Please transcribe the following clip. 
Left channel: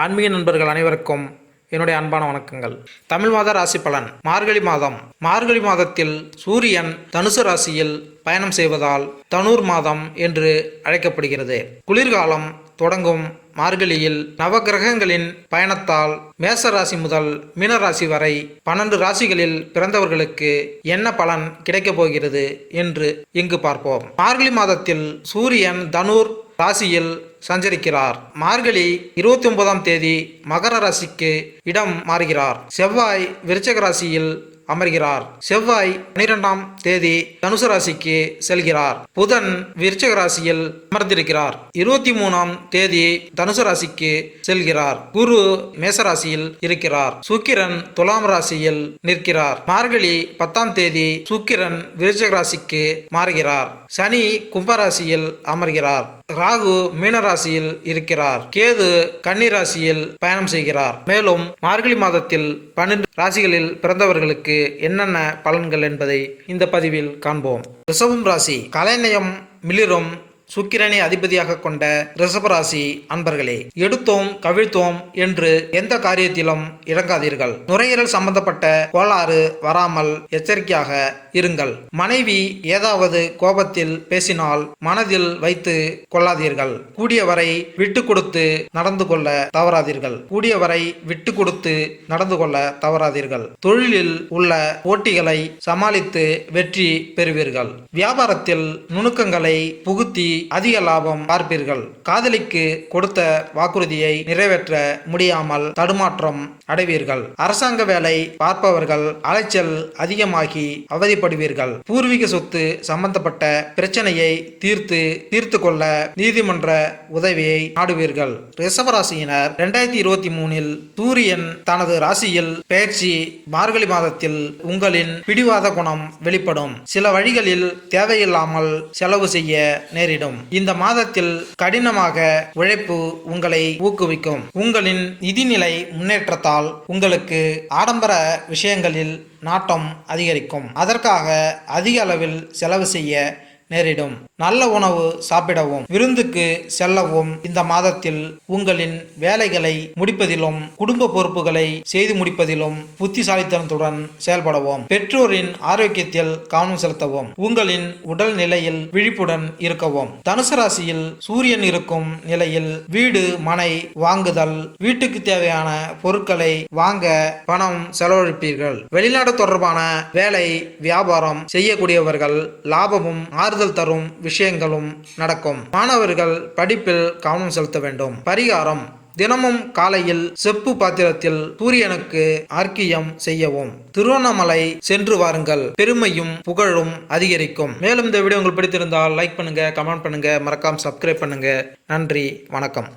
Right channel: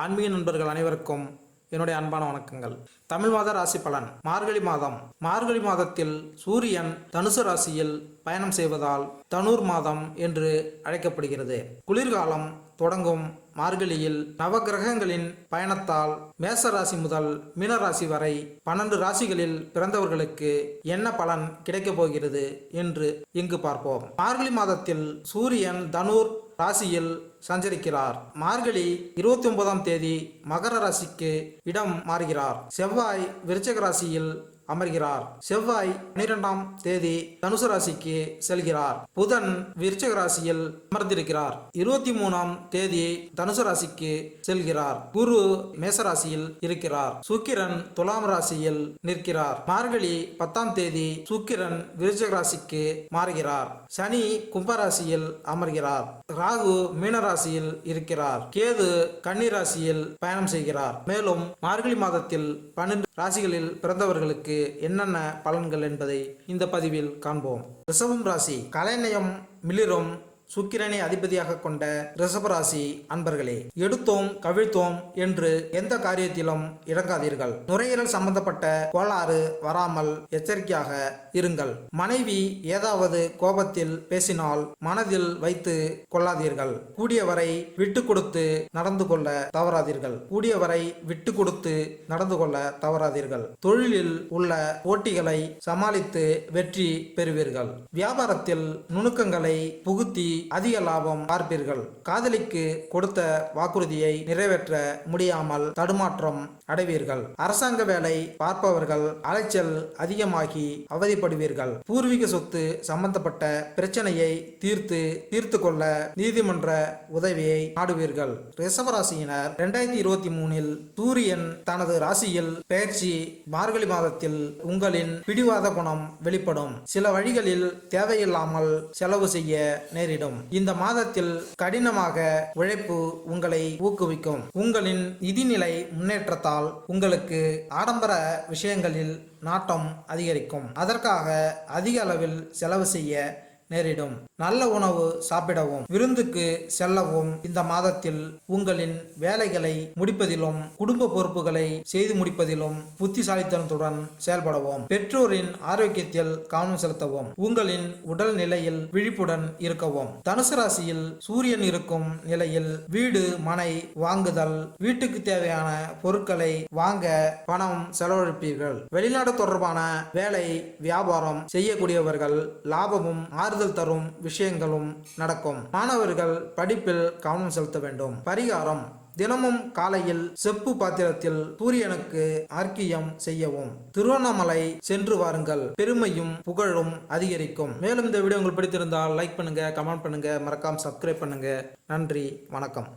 ஆன்மீக நண்பர்கள் அனைவருக்கும் என்னுடைய அன்பான வணக்கங்கள். தமிழ் மாத ராசி பலன். மார்கழி மாதம். மார்கழி மாதத்தில் சூரியன் தனுசு ராசியில் பயணம் செய்வதால் தனுர் மாதம் என்று அழைக்கப்படுகிறது. குளிர்காலம் தொடங்கும் மார்கழியில் நவகிரகங்களின் பயணத்தால் மேச ராசி முதல் மீனராசி வரை 12 ராசிகளில் பிறந்தவர்களுக்கு என்ன பலன் கிடைக்கப் போகிறது என்று இங்கு பார்ப்போம். மார்கழி மாதத்தில் சூரியன் தனுர் ராசியில் சஞ்சரிக்கிறார். மார்கழி 29ஆம் தேதி மகர ராசிக்கு இடம் மாறுகிறார். செவ்வாய் விருச்சிக ராசியில் அமர்கிறார். செவ்வாய் 12ஆம் தேதி தனுசு ராசிக்கு செல்கிறார். புதன் விருச்சிக ராசியில் அமர்ந்திருக்கிறார். 23ஆம் தேதி தனுசு ராசிக்கு செல்கிறார். குரு மேசராசியில் இருக்கிறார். சுக்கிரன் துலாம் ராசியில் நிற்கிறார். மார்கழி 10ஆம் தேதி சுக்கிரன் விருச்சிக ராசிக்கு மாறுகிறார். சனி கும்பராசியில் அமர்கிறார். ராகு மீனராசியில் இருக்கிறார். கேது கன்னி ராசியில் பயணம் செய்கிறார். மேலும் மார்கழி மாதத்தில் 12 ராசிகளில் பிறந்தவர்களுக்கு என்னென்ன பலன்கள் என்பதை இந்த பதிவில் காண்போம். ரிஷபம் ராசி. கலைநயம் மிளிரும் சுக்கிரனை அதிபதியாக கொண்ட ரிஷபராசி அன்பர்களே, எடுத்தோம் கவிழ்த்தோம் என்று எந்த காரியத்திலும் இறங்காதீர்கள். நுரையீரல் சம்பந்தப்பட்ட கோளாறு வராமல் எச்சரிக்கையாக இருங்கள். மனைவி ஏதாவது கோபத்தில் பேசினால் மனதில் வைத்து கொள்ளாதீர்கள். கூடியவரை விட்டு கொடுத்து நடந்து கொள்ள தவறாதீர்கள். தொழிலில் உள்ள போட்டிகளை சமாளித்து வெற்றி பெறுவீர்கள். வியாபாரத்தில் நுணுக்கங்களை புகுத்தி அதிக லாபம் பார்ப்பீர்கள். காதலிக்கு கொடுத்த வாக்குறுதியை நிறைவேற்ற முடியாமல் தடுமாற்றம் அடைவீர்கள். அரசாங்க வேலை பார்ப்பவர்கள் அலைச்சல் அதிகமாகி அவதிப்படுவீர்கள். பூர்வீக சொத்து சம்பந்தப்பட்ட பிரச்சனையை தீர்த்து கொள்ள நீதிமன்ற உதவியை நாடுவீர்கள். ரிஷபராசியினர் 2023இல் சூரியன் தனது ராசியில் பெயர்ச்சி. மார்கழி மாதத்தில் உங்களின் பிடிவாத குணம் வெளிப்படும். சில வழிகளில் தேவையில்லாமல் செலவு செய்ய நேரிடும். இந்த மாதத்தில் கடினமாக உழைப்பு உங்களை ஊக்குவிக்கும். உங்களின் நிதிநிலை முன்னேற்றத்தால் உங்களுக்கு ஆடம்பர விஷயங்களில் நாட்டம் அதிகரிக்கும். அதற்காக அதிக அளவில் செலவு செய்ய நேரிடும். நல்ல உணவு சாப்பிடவும் விருந்துக்கு செல்லவும் இந்த மாதத்தில் உங்களின் வேலைகளை முடிப்பதிலும் குடும்ப பொறுப்புகளை செய்து முடிப்பதிலும் புத்திசாலித்தனத்துடன் செயல்படவும். பெற்றோரின் ஆரோக்கியத்தில் கவனம் செலுத்தவும். உங்களின் உடல் நிலையில் விழிப்புடன் இருக்கவும். தனுசு ராசியில் சூரியன் இருக்கும் நிலையில் வீடு மனை வாங்குதல், வீட்டுக்கு தேவையான பொருட்களை வாங்க பணம் செலவழிப்பீர்கள். வெளிநாடு தொடர்பான வேலை வியாபாரம் செய்யக்கூடியவர்கள் லாபமும் ஆறுதல் தரும் விஷயங்களும் நடக்கும். மாணவர்கள் படிப்பில் கவனம் செலுத்த வேண்டும். பரிகாரம்: தினமும் காலையில் செப்பு பாத்திரத்தில் சூரியனுக்கு அர்க்கியம் செய்யவும். திருவண்ணாமலை சென்று வாருங்கள். பெருமையும் புகழும் அதிகரிக்கும். மேலும் இந்த வீடியோ உங்களுக்கு பிடித்திருந்தால் லைக் பண்ணுங்க, கமெண்ட் பண்ணுங்க, மறக்காம சப்ஸ்கிரைப் பண்ணுங்க. நன்றி, வணக்கம்.